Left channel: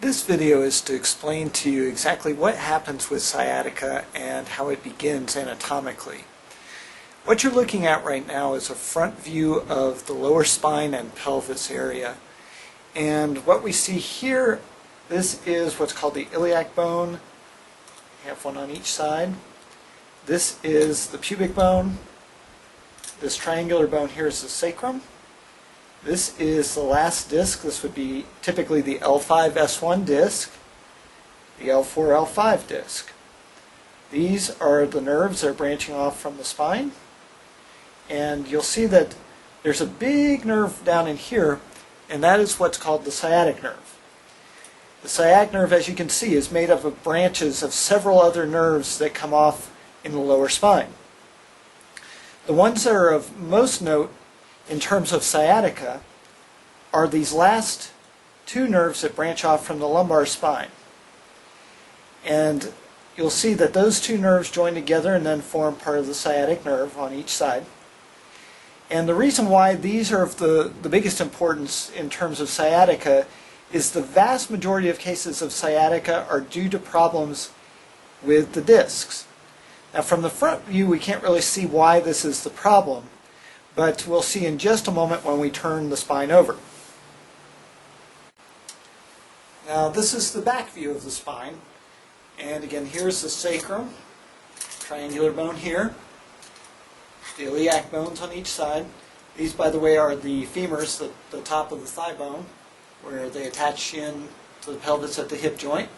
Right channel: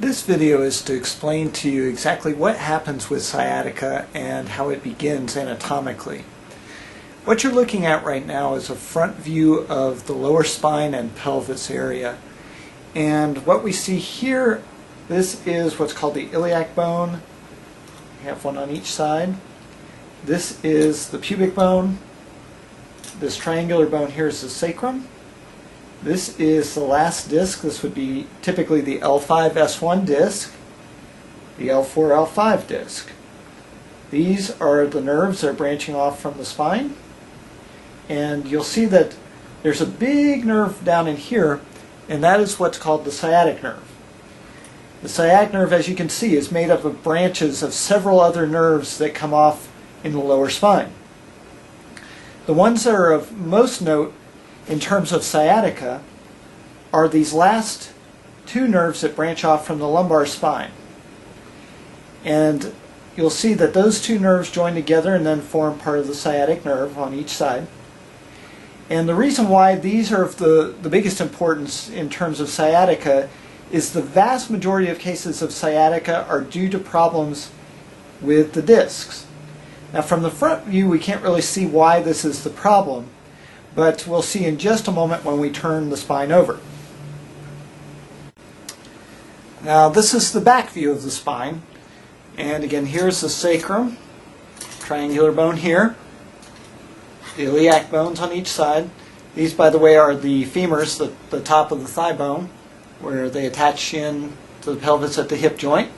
This video is to explain to you exactly what happens with sciatica and how it begins anatomically. What you're looking at right now is a front view of the lower spine and pelvis area. And what we see here, this is what's called the iliac bone. We have one on each side. This is the pubic bone. This triangular bone here is the sacrum. This is the last disc. This would be typically the L5-S1 disc, the L4-L5 disc. These are the nerves that are branching off from the spine. And you'll see that there's a big nerve down in here, and that is what's called the sciatic nerve. The sciatic nerve, as you can see, is made up of branches of several other nerves that come off in the lower spine. The ones that are of most note in terms of sciatica are these last two nerves that branch off from the lumbar spine. And you'll see that those two nerves join together and then form part of the sciatic nerve on each side. And the reason why these are of the biggest importance in terms of sciatica is the vast majority of cases of sciatica are due to problems with the discs. Now from the front view we can't really see why this is the problem, but we'll see in just a moment when we turn the spine over. Now this is the back view of the spine, and again here's the sacrum, triangular bone here, the iliac bones on each side. These, by the way, are the femurs, the top of the thigh bone, where they attach in to the pelvis at the hip joint.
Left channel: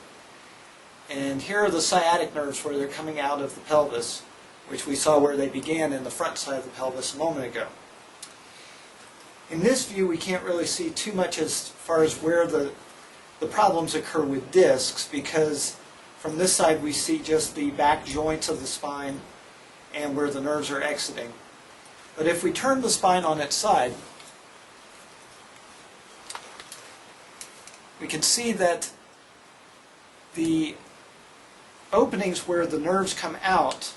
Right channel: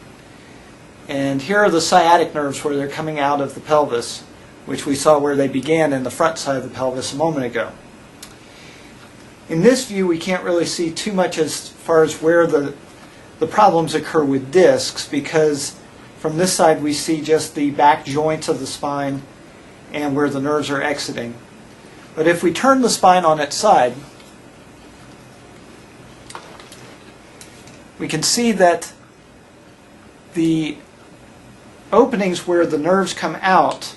And here are the sciatic nerves where they're coming out of the pelvis, which we saw where they began in the front side of the pelvis a moment ago. In this view we can't really see too much as far as where the problems occur with discs, because from this side we see just the back joints of the spine and where the nerves are exiting. But if we turn the spine on its side, we can see that the openings where the nerves come out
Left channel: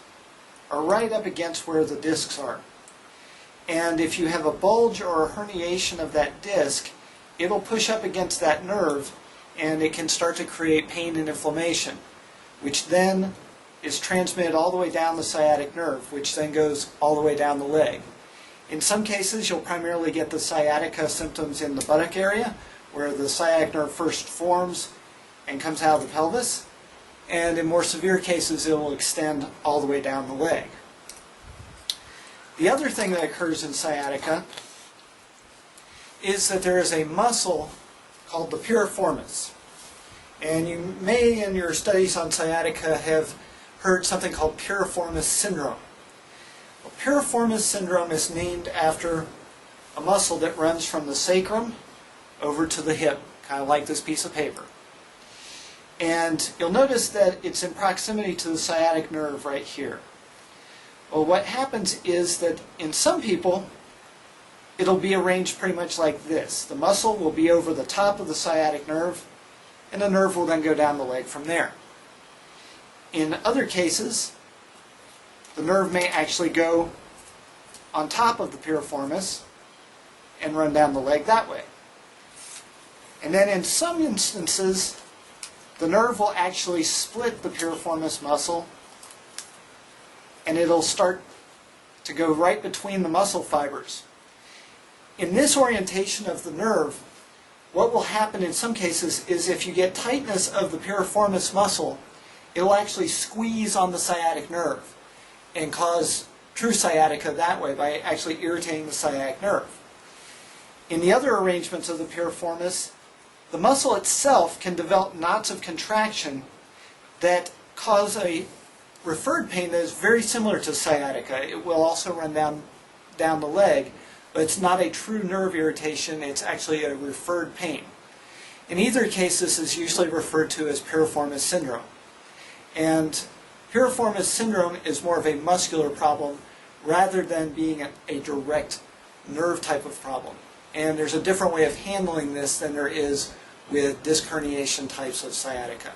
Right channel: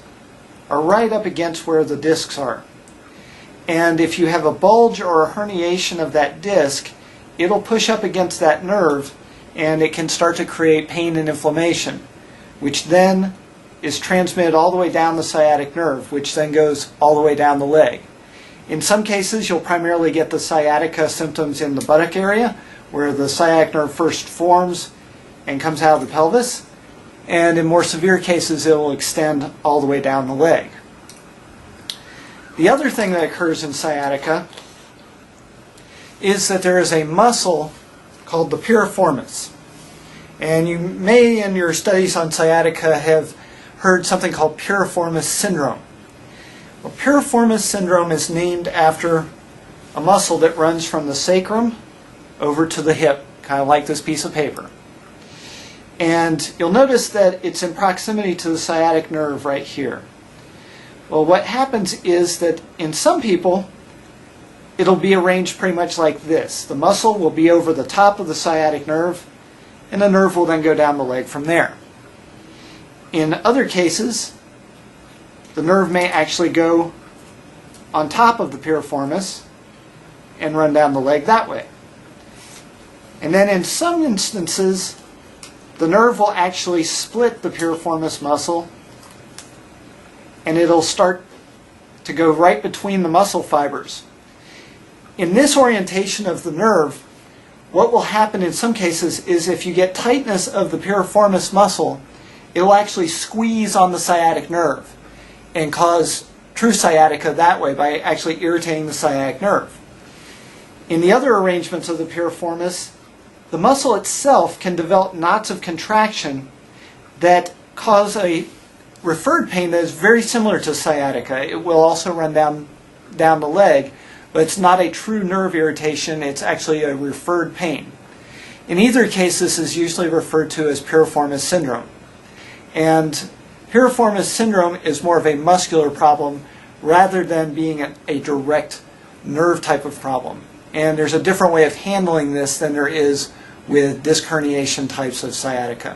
are right up against where the discs are. And if you have a bulge or a herniation of that disc, it'll push up against that nerve and it can start to create pain and inflammation, which then is transmitted all the way down the sciatic nerve, which then goes all the way down the leg. In some cases you'll primarily get the sciatica symptoms in the buttock area, where the sciatic nerve first forms and comes out of the pelvis. And in more severe cases it will extend all the way down the leg. The other thing that occurs in sciatica is that there is a muscle called the piriformis. And you may in your studies on sciatica have heard something called piriformis syndrome. Well, piriformis syndrome is named after a muscle that runs from the sacrum over to the hip, kind of like this piece of paper. And you'll notice that it's in proximity to the sciatic nerve right here. Well, what happens is that in some people it'll be arranged pretty much like this. The muscle will be over the top of the sciatic nerve, and the nerve will then go down the leg from there. In other cases, the nerve may actually go on top of the piriformis and run down the leg that way. And then in some instances, the nerve will actually split the piriformis muscle, and it'll start to go right between the muscle fibers. In this orientation of the nerve, what will happen in some cases is if you get tightness of the piriformis muscle, it will actually squeeze on the sciatic nerve and cause true sciatica that way by actually irritating the sciatic nerve. In the other arrangements of the piriformis, the muscle itself can develop knots of contraction that cause a referred pain that is very similar to sciatica. It will also run down the leg, but it's not a true nerve irritation, it's actually a referred pain. In either case, this is usually referred to as piriformis syndrome. And piriformis syndrome is more of a muscular problem rather than being a direct nerve type of problem. And there's a different way of handling this than there is with disc herniation types of sciatica.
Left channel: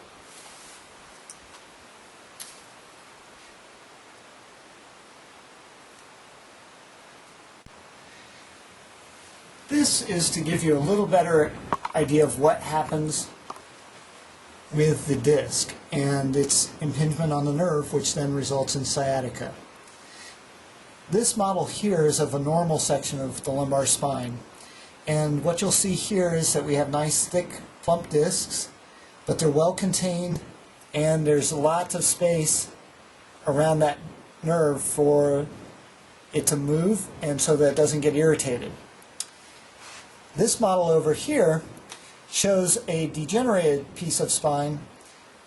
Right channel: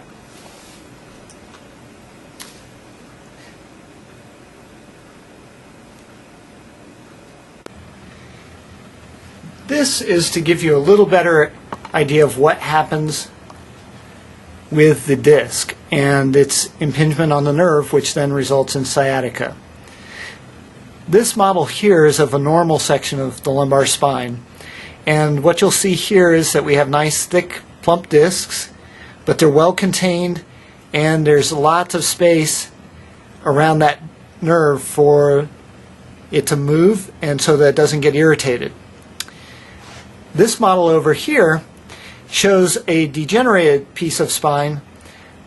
This is to give you a little better idea of what happens with the disc and its impingement on the nerve, which then results in sciatica. This model here is of a normal section of the lumbar spine, and what you'll see here is that we have nice thick plump discs, but they're well contained and there's lots of space around that nerve for it to move and so that it doesn't get irritated. This model over here shows a degenerated piece of spine,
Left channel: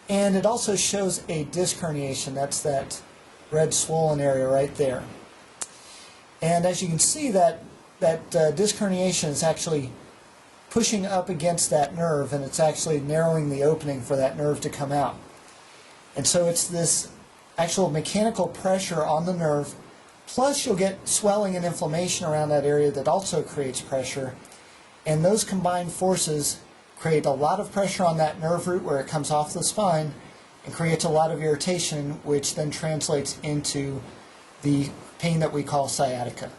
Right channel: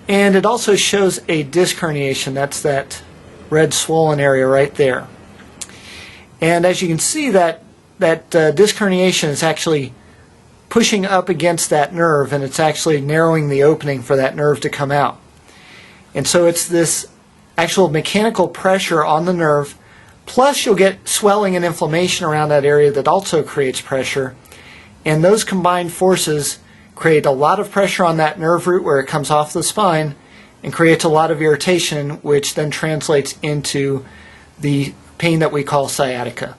and it also shows a disc herniation. That's that red swollen area right there. And as you can see, that disc herniation is actually pushing up against that nerve, and it's actually narrowing the opening for that nerve to come out. And so it's this actual mechanical pressure on the nerve, plus you'll get swelling and inflammation around that area that also creates pressure. And those combined forces create a lot of pressure on that nerve root where it comes off the spine and creates a lot of irritation, which then translates into the pain that we call sciatica.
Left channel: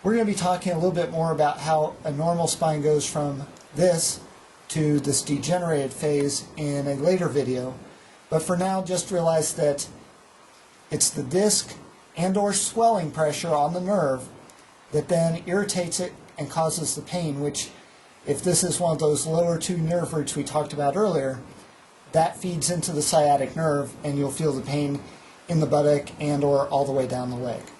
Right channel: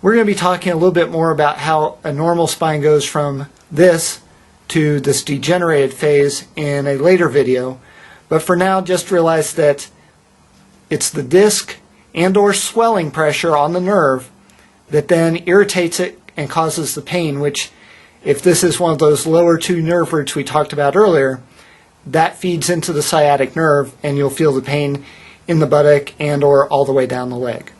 We're going to be talking a little bit more about how a normal spine goes from this to this degenerated phase in a later video, but for now just realize that it's the disc and or swelling pressure on the nerve that then irritates it and causes the pain, which, if this is one of those lower two nerve roots we talked about earlier, that feeds into the sciatic nerve and you'll feel the pain in the buttock and or all the way down the leg.